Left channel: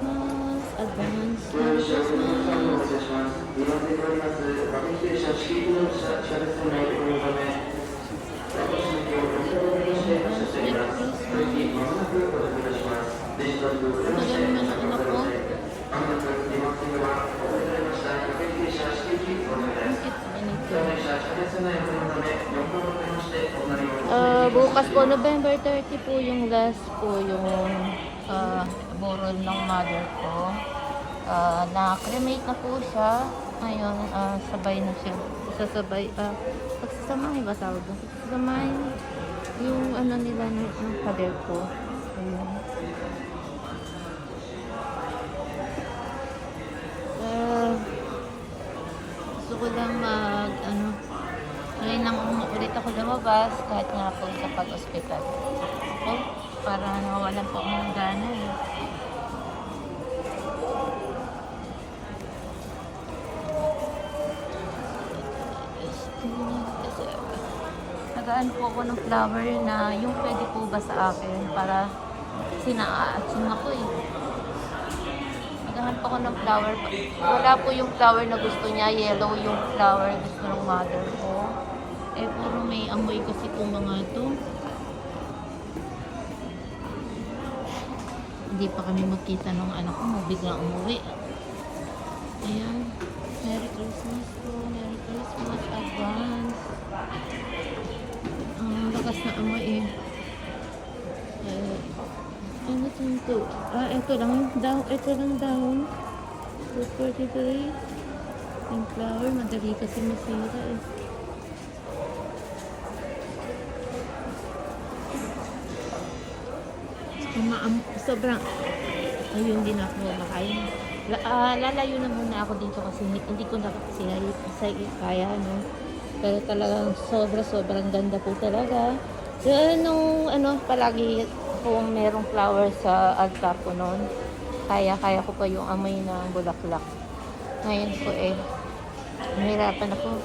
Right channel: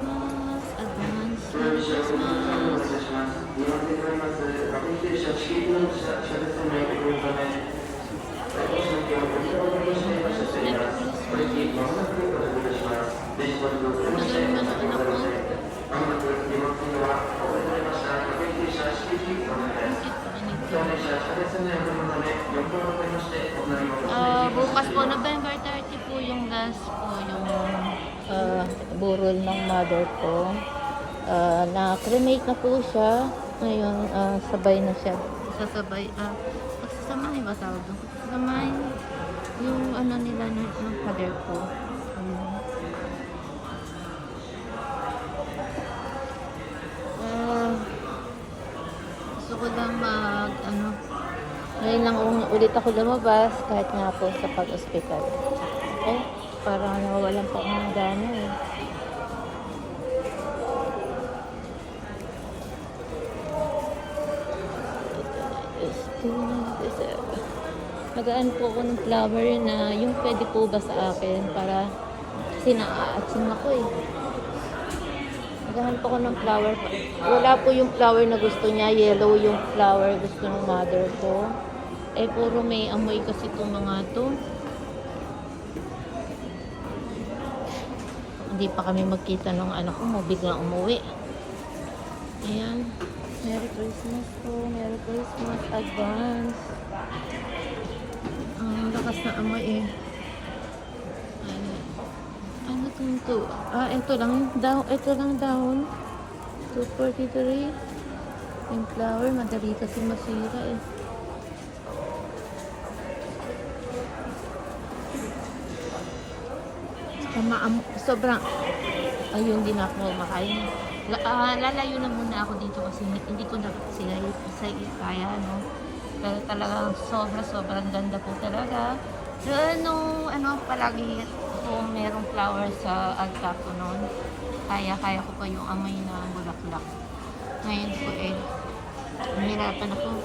Christmas! Advance Merry Christmas! Tagal naman ang anak ko. Bukas po, November 30 po yung last po yung burol ng mother ko. Na-cremate na po siya. Ngayon, sabay na siya. Sasabay, pagsasamahin ba tawag doon? Pagsasamahin yung ano nila ng father ko. Ayun. Gusto ko lang ngayon lang ulit ako lumabas kahit nga po sa pag-hospital. Okay? Parang nawalan po ako ng gana eh. Nagaan po ako ng flower na yung pwede po ba sa akin para sinaakitsin ako eh. Nagahan po ako ng flower. Wala po yung flower na gusto niya. Yellow yung flower gusto ng mother ko. Eh puro may amoy kasi itong mga to. Hindi pa kami magkita nung anak ko. Biglang umuwi. Ayan. Merry Christmas po. Merry Christmas. Advance. Ang lakas na amoy eh. Ano ito? Ito lang down. 243. Yung flower, madali kasi masira eh. Sobrang ayun din ako makain. Lalayo na muna ako dito kasi hindi ko na kasi kaya no. Pero talagang sobrang ganda po talaga. Yung palagi kung merong flower sa altar ko noon, kaya ko pa yung amoy na bulaklak. Ngayon po eh, nahirapan ako.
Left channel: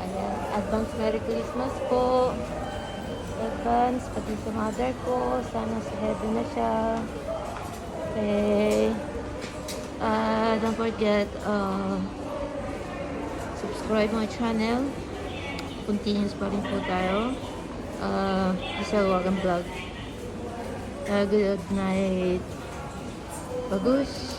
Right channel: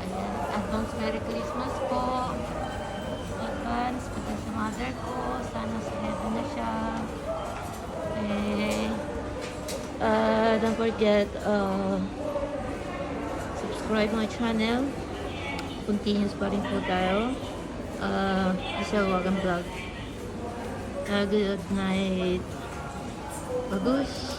Ayan, advance Merry Christmas po. Advance, pati sa mother ko. Sana sa heaven na siya. Okay. Don't forget, subscribe my channel. Continuous pa rin po tayo. Sir Wagan Vlog. Good night. Bagus.